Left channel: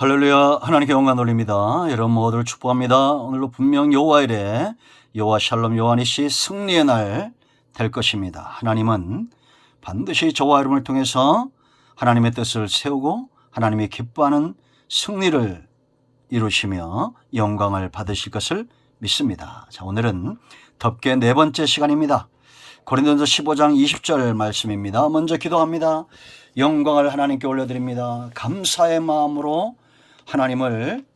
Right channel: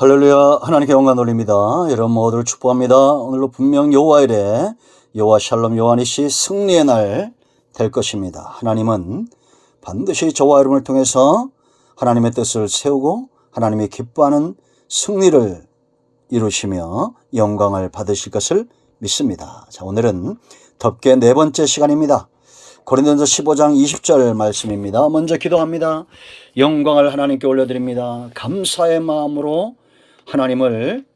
할렐루야. 하나님께 영광 돌립니다. 여러분 모두를 축복합니다. 오늘로 분명 여호와 이레 여호와 샬롬 여호와니시 승리의 날 될 것입니다. 하나님은 반드시 저와 여러분을 통해서 하나님의 뜻을 세우고 하나님이 기뻐하는 승리를 이루시며 영광을 받으실 것을 믿습니다. 자, 오늘은 덮개 네 번째 시간입니다. 고린도전서 15장 20절 말씀입니다. 먼저 기도합니다. 영광을 하나님께 올려드립니다. 감사의 마음으로 하나님을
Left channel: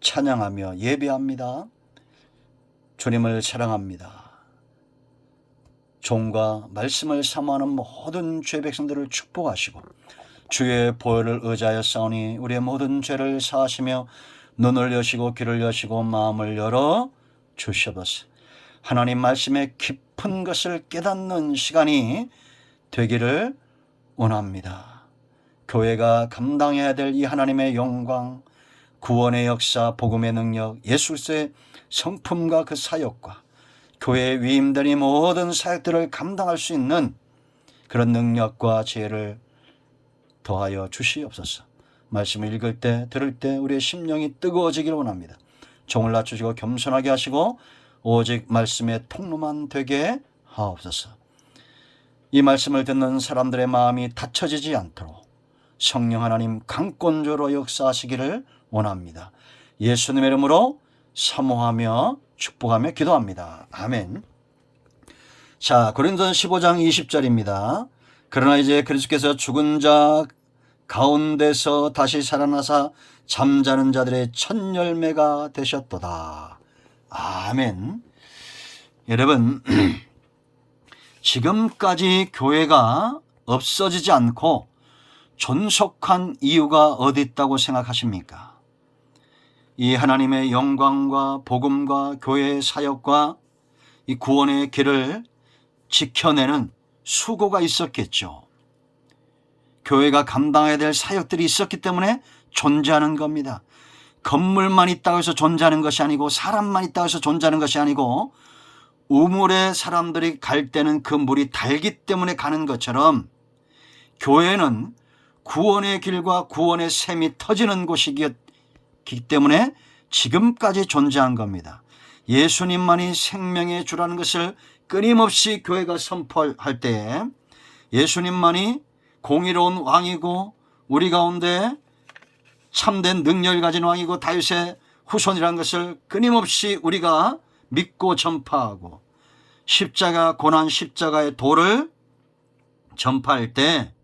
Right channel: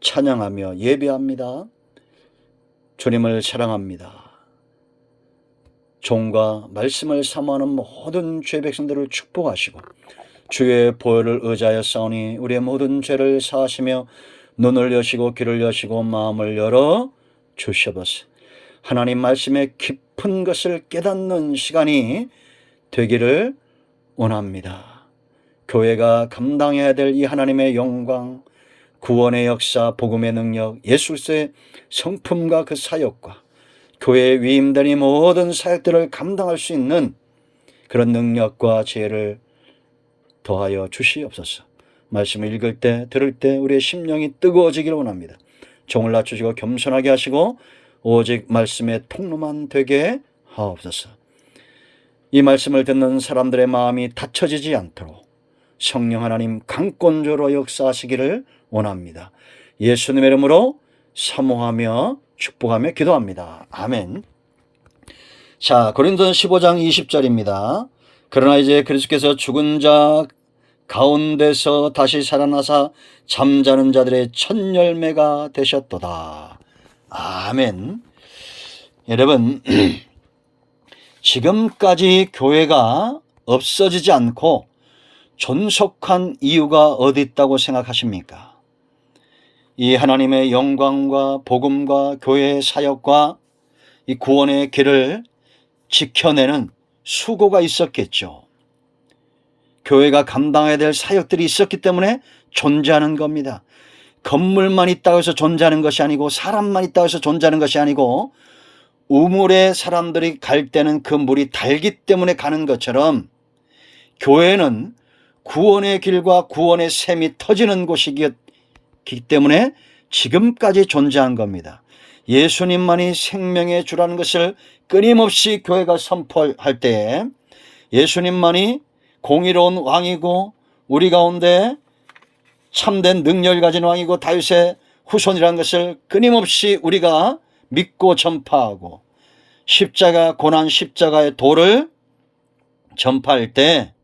찬양하며 예배합니다. 주님을 사랑합니다. 종과 말씀을 사모하는 모든 죄 백성들을 축복하시고 주의 보혈을 의지하여 싸우니 우리의 모든 죄를 사하시며 눈을 여시고 귀를 여시고 마음을 열어 주시옵소서. 하나님 말씀의 깊은 것을 깨닫는 시간이 되기를 원합니다. 교회가 감당해야 될 이 하나님의 영광, 구원의 역사, 복음의 능력, 예수 그리스도의 성품과 그 사역과 교회에 위임된 이 모든 사역들을 감당할 수 있는 그런 능력과 지혜를 더하여 주시옵소서. 말씀을 읽을 때 들을 때 우리의 심령이 뜨거워지기를 원합니다. 종을 낮추시고 겸손하게 하시고 오직 말씀의 통로만 되게 하옵소서. 이 말씀을 듣는 사람들의 마음이 닫혀지지 않도록 성령 하나님 강권조로 역사하시기를 원합니다. 예수님의 이름으로 사모하며 축복하며 기도합니다. 아멘. 자, 고린도전서 15장 20절입니다. 그러나 이제 그리스도께서 죽은 자 가운데서 다시 살아나사 잠자는 자들의 첫 열매가 되셨도다. 아멘. 여러분, 지금까지 교회가 없어지지 않고 존속한 이유가 어디 있다고 생각하십니까? 이 하나님의 영광과 복음과 교회의 사역과 이 구원의 길을 지켜내는 수고가 있었겠죠. 교회가 감당해야 될 사역들이 있었기 때문에 존재하는 겁니다. 건물만 있다고 해서 존재하는 것이 아니고 사람만 있다고 해서 존재하는 것이 아니고 우물에 사람들이 갈 때는 그 물이 달기 때문에 가는 것처럼 교회는 구원의 길과 구원의 샘이 터지는 곳이기 때문에 지금까지 존재한 겁니다. 예수님만이 생명의 주라는 것을 끊임없이 교회가 선포할 때에 예수님만이 공의로운 왕이고 우리 가운데 참된 능력을 가진 왕이고 다윗의 후손이라는 것을 끊임없이 우리가 믿고 전파하고 십자가 고난 십자가의 도를 전파할 때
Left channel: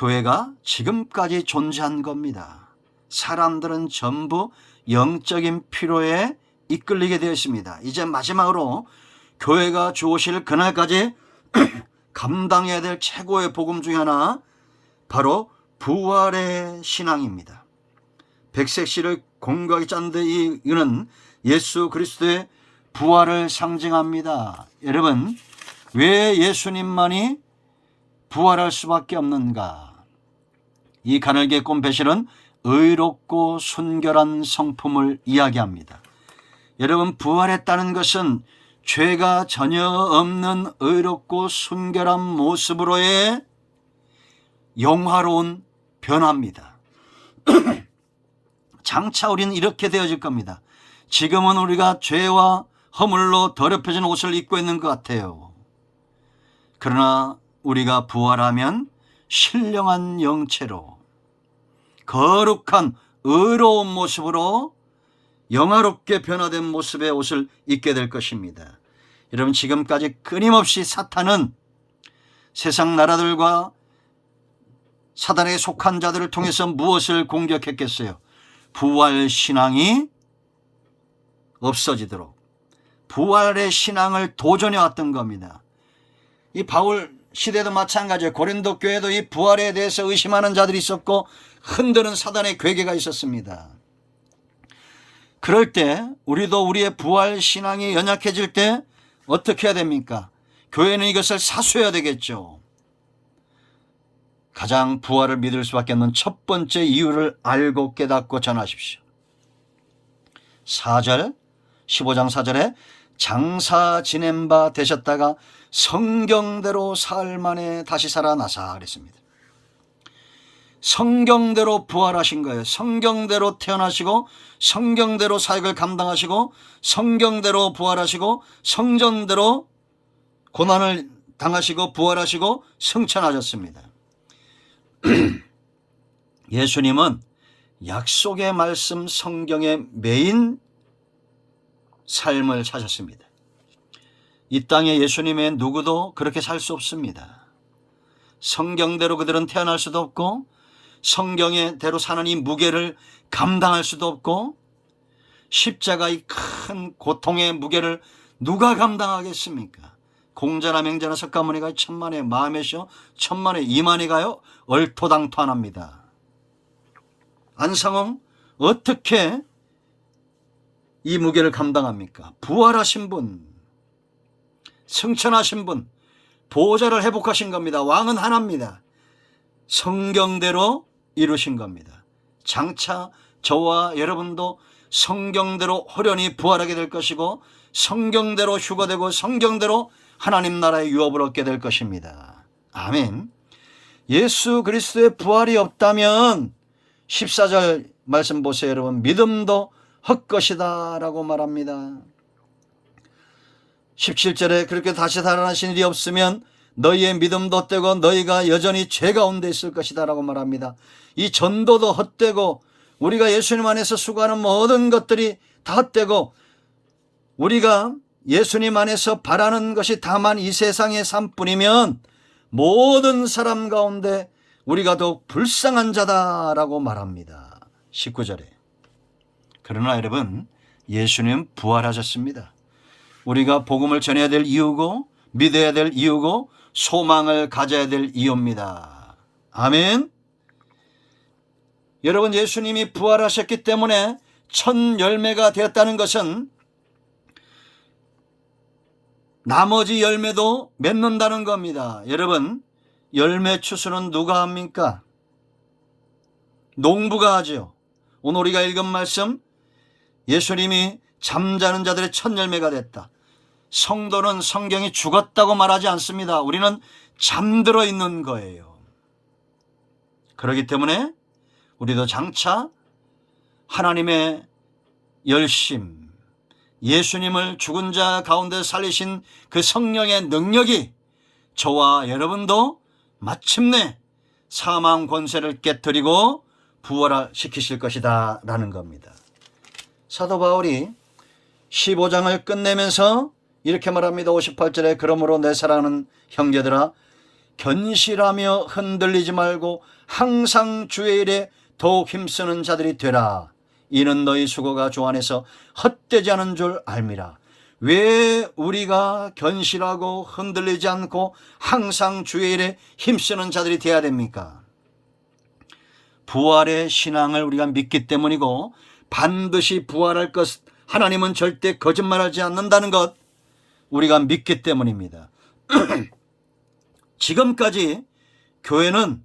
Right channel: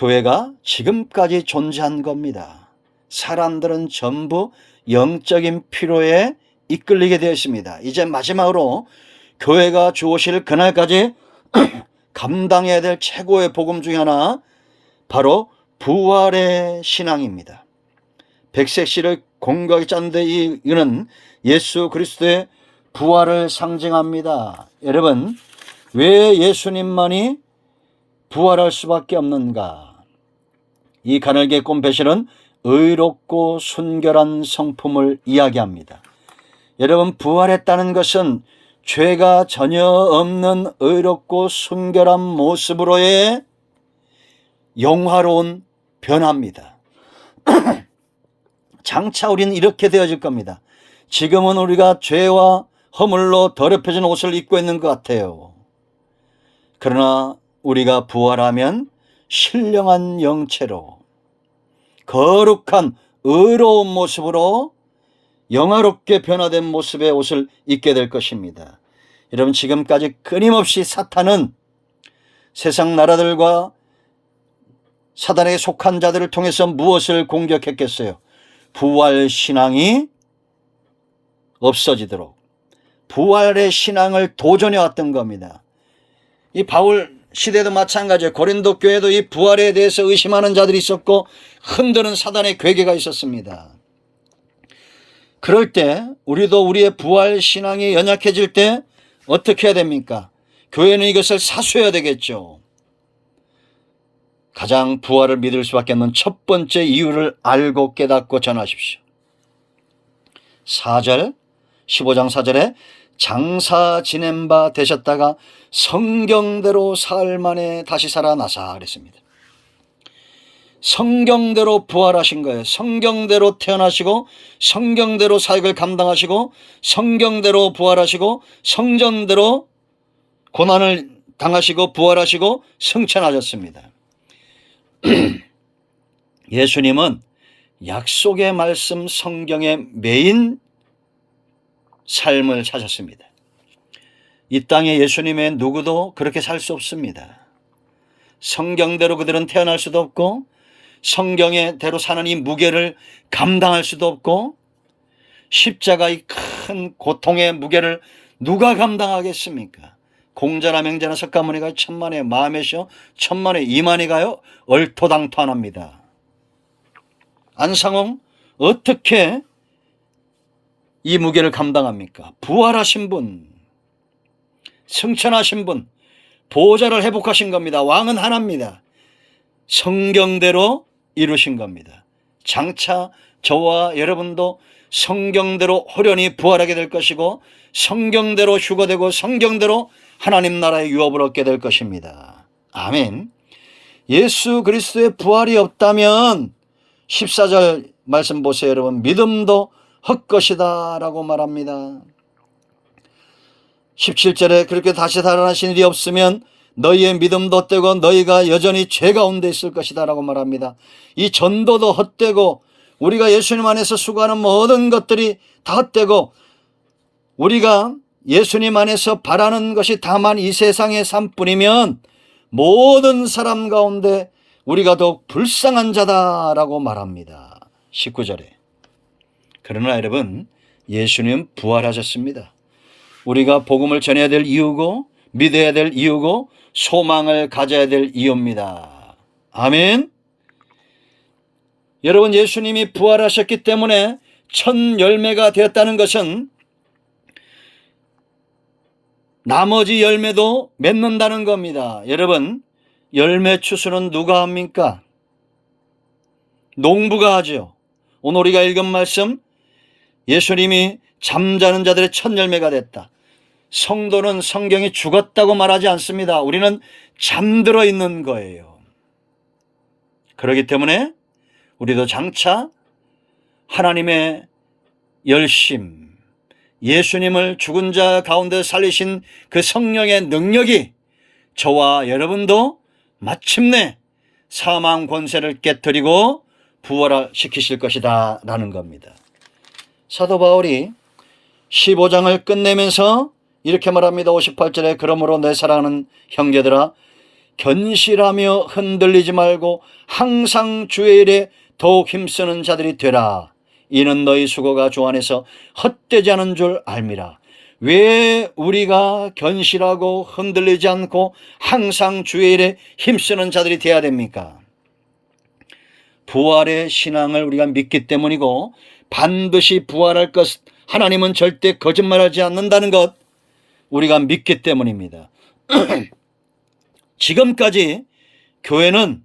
교회가 지금까지 존재한 겁니다. 사람들은 전부 영적인 피로에 이끌리게 되어 있습니다. 이제 마지막으로 교회가 주오실 그날까지 감당해야 될 최고의 복음 중에 하나 바로 부활의 신앙입니다. 백색실을 공고하게 짰는데 이거는 예수 그리스도의 부활을 상징합니다. 여러분, 왜 예수님만이 부활할 수밖에 없는가? 이 가늘게 꼰 배실은 의롭고 순결한 성품을 이야기합니다. 여러분, 부활했다는 것은 죄가 전혀 없는 의롭고 순결한 모습으로의 영화로운 변화입니다. 장차 우리는 이렇게 되어질 겁니다. 지금은 우리가 죄와 허물로 더럽혀진 옷을 입고 있는 것 같아요. 그러나 우리가 부활하면 신령한 영체로 거룩한 의로운 모습으로 영화롭게 변화된 모습의 옷을 입게 될 것입니다. 여러분, 지금까지 끊임없이 사탄은 세상 나라들과 사단에 속한 자들을 통해서 무엇을 공격했겠어요? 부활 신앙이 없어지도록 부활의 신앙을 도전해 왔던 겁니다. 이 바울 시대도 마찬가지예요. 고린도 교회도 이 부활에 대해서 의심하는 자들이 있었고 흔드는 사단의 괴계가 있었습니다. 그럴 때 우리도 우리의 부활 신앙이 연약해질 때 어떻게 해야 됩니까? 교회는 이것을 사수해야 되겠죠. 가장 부활을 믿을 수밖에 없는 첫 번째 이유를 알고 깨닫고 전하십시오. 4절 15장 4절에 장사 지낸 바 되셨다가 성경대로 사흘 만에 다시 살아나사 그랬습니다. 성경대로 부활하신 거예요. 성경대로 태어나시고 성경대로 사역을 감당하시고 성경대로 부활하시고 성전대로 고난을 당하시고 부활하시고 승천하셨습니다. 예수님은 약속의 말씀 성경의 메인 삶을 사셨습니다. 이 땅에 예수님의 누구도 그렇게 살 수 없습니다. 성경대로 그들은 태어날 수도 없고 성경의 대로 사는 이 무게를 감당할 수도 없고 십자가의 큰 고통의 무게를 누가 감당하겠습니까? 공자나 맹자나 석가모니가 천만에 마음에시오 천만에 이만이 가요 얼토당토하납니다. 안상홍 어떻게 이 무게를 감당합니까? 부활하신 분, 승천하신 분, 보호자를 회복하신 겁니다. 왕은 하나입니다. 성경대로 이루신 겁니다. 장차 저와 여러분도 성경대로 호련히 부활하게 될 것이고 성경대로 휴거되고 성경대로 하나님 나라의 유업을 얻게 될 것입니다. 아멘. 예수 그리스도의 부활이 없다면 14절 말씀 보세요. 여러분, 믿음도 헛것이다 라고 말합니다. 17절에 그렇게 다시 살아나신 일이 없으면 너희의 믿음도 헛되고 너희가 여전히 죄 가운데 있을 것이다 라고 말합니다. 이 전도도 헛되고 우리가 예수님 안에서 수고하는 모든 것들이 다 헛되고 우리가 예수님 안에서 바라는 것이 다만 이 세상의 삶뿐이면 모든 사람 가운데 우리가 더욱 불쌍한 자다라고 말합니다. 19절에. 그러나 여러분, 예수님 부활하셨습니다. 우리가 복음을 전해야 될 이유고 믿어야 될 이유고 소망을 가져야 될 이유입니다. 아멘. 여러분, 예수님이 부활하셨기 때문에 첫 열매가 되었다는 것은 나머지 열매도 맺는다는 겁니다. 여러분, 열매 추수는 누가 합니까? 농부가 하죠. 오늘 우리가 읽은 말씀, 예수님이 잠자는 자들의 첫 열매가 됐다. 성도는 성경이 죽었다고 말하지 않습니다. 우리는 잠들어 있는 거예요. 그렇기 때문에 우리도 장차 하나님의 열심, 예수님을 죽은 자 가운데 살리신 그 성령의 능력이 저와 여러분도 마침내 사망 권세를 깨뜨리고 부활시키실 것이다 라는 겁니다. 사도 바울이 15장을 끝내면서 이렇게 말합니다. 58절에 그러므로 내 사랑하는 형제들아 견실하며 흔들리지 말고 항상 주의 일에 더욱 힘쓰는 자들이 되라. 이는 너희 수고가 주 안에서 헛되지 않은 줄 알미라. 왜 우리가 견실하고 흔들리지 않고 항상 주의 일에 힘쓰는 자들이 되어야 됩니까? 부활의 신앙을 우리가 믿기 때문이고 반드시 부활할 것, 하나님은 절대 거짓말하지 않는다는 것 우리가 믿기 때문입니다. 지금까지 교회는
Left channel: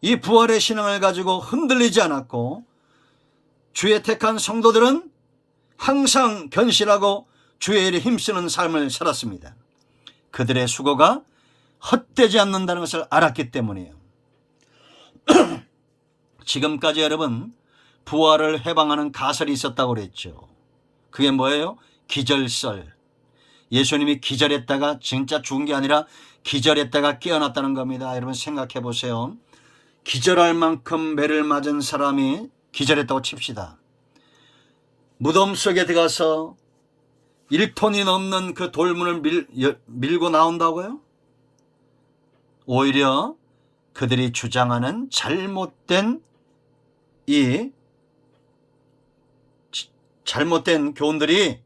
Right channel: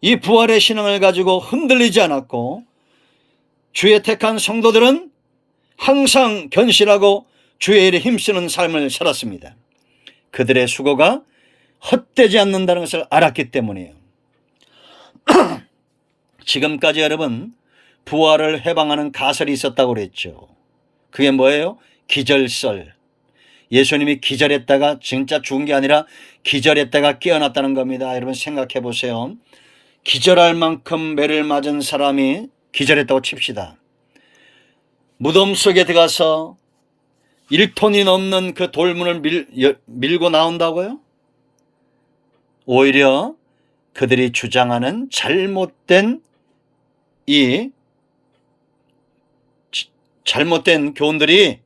이 부활의 신앙을 가지고 흔들리지 않았고 주의 택한 성도들은 항상 견실하고 주의 일에 힘쓰는 삶을 살았습니다. 그들의 수고가 헛되지 않는다는 것을 알았기 때문이에요. 지금까지 여러분 부활을 해방하는 가설이 있었다고 그랬죠. 그게 뭐예요? 기절설. 예수님이 기절했다가 진짜 죽은 게 아니라 기절했다가 깨어났다는 겁니다. 여러분 생각해 보세요. 기절할 만큼 매를 맞은 사람이 기절했다고 칩시다. 무덤 속에 들어가서 1톤이 넘는 그 돌문을 밀고 나온다고요? 오히려 그들이 주장하는 잘못된 교훈들이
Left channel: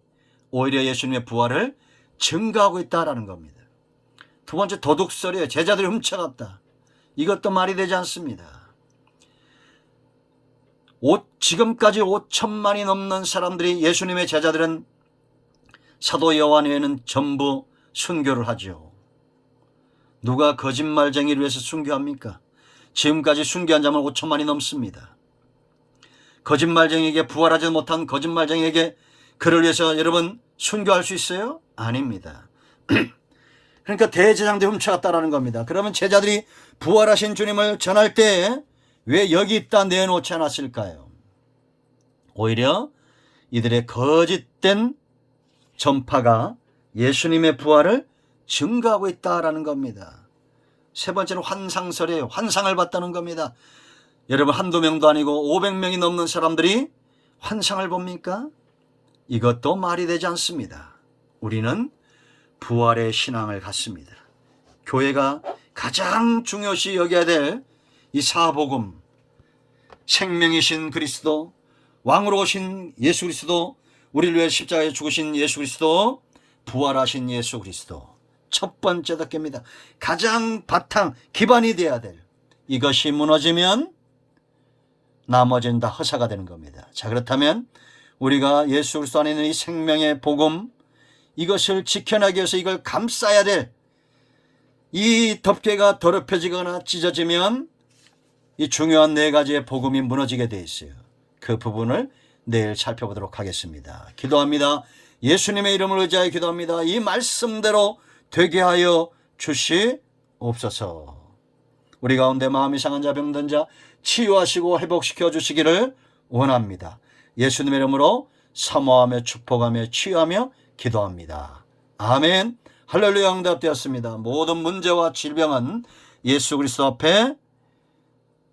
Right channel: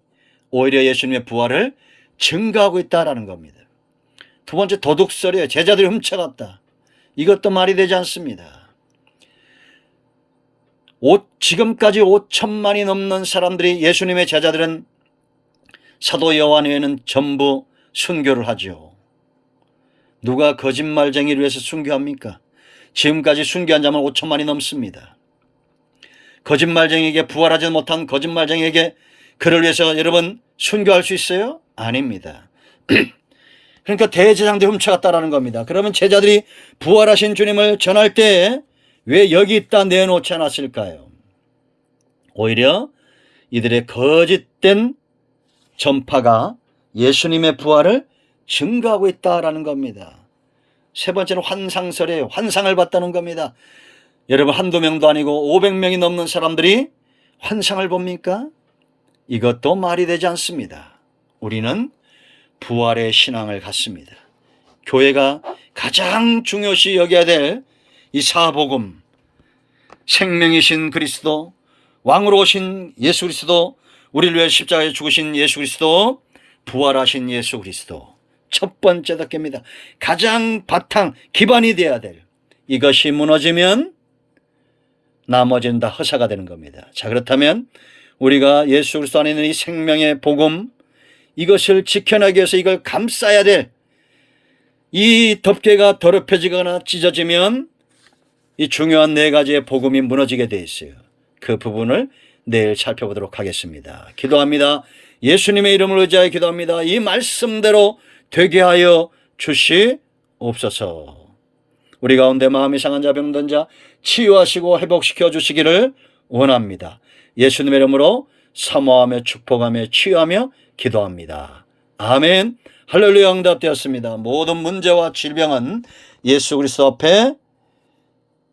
오히려 예수님의 부활을 증거하고 있다는 겁니다. 두 번째 도둑설이에요. 제자들이 훔쳐갔다. 이것도 말이 되지 않습니다. 지금까지 5천만이 넘는 사람들이 예수님의 제자들은 사도 요한 외에는 전부 순교를 하죠. 누가 거짓말쟁이를 위해서 순교합니까? 지금까지 순교한 자만 5천만이 넘습니다. 거짓말쟁이에게 부활하지 못한 거짓말쟁이에게 그를 위해서 여러분 순교할 수 있어요? 아닙니다. 그러니까 대제사장들이 훔쳐갔다라는 겁니다. 그러면 제자들이 부활하신 주님을 전할 때 왜 여기 있다 내놓지 않았을까요? 오히려 이들의 거짓된 전파가 예수님의 부활을 증가하고 있다라는 겁니다. 세 번째는 환상설이에요. 환상을 봤다는 겁니다. 여러분, 한두 명도 아니고 500명이 넘는 사람들이 환상을 봅니까? 이것도 말이 되지 않습니다. 우리는 부활의 신앙을 갖습니다. 교회가 가장 중요시 여겨야 될 이 사복음, 생명이신 그리스도, 왕으로 오신 예수 그리스도, 우리를 위해 십자가에 죽으신 예수 그리스도, 부활하신 예수 그리스도, 첫 번째 덕계입니다. 가장 바탕, 기반이 되어야 될, 이것이 무너지면 나머지는 다 허사가 되는 겁니다. 자, 그렇다면 우리가 예수 그리스도 안에 있는 이 생명의 복음, 이것을 지켜내기 위해서 이걸 감싸야 될, 이 덮개가 더럽혀지거나 찢어지면 이 중요한 네 가지의 복음이 무너지게 돼 있어요. 그 부분을 내일 살펴보도록 하겠습니다. 기도합니다. 예수님의 이름을 의지하여 기도합니다. 이 말씀대로 되게 하여 주시옵소서. 우리 가운데 마음이 상한 자, 병든 자 치유하시고 회복시켜 주시기를 원합니다. 예수님의 이름으로 사모하며 축복하며 치유하며 기도합니다. 아멘. 할렐루야. 응답되었습니다. 모든 문제와 질병은 예수 그리스도 앞에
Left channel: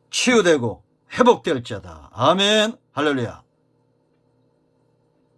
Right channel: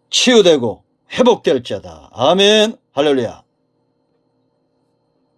치유되고 회복될지어다. 아멘. 할렐루야.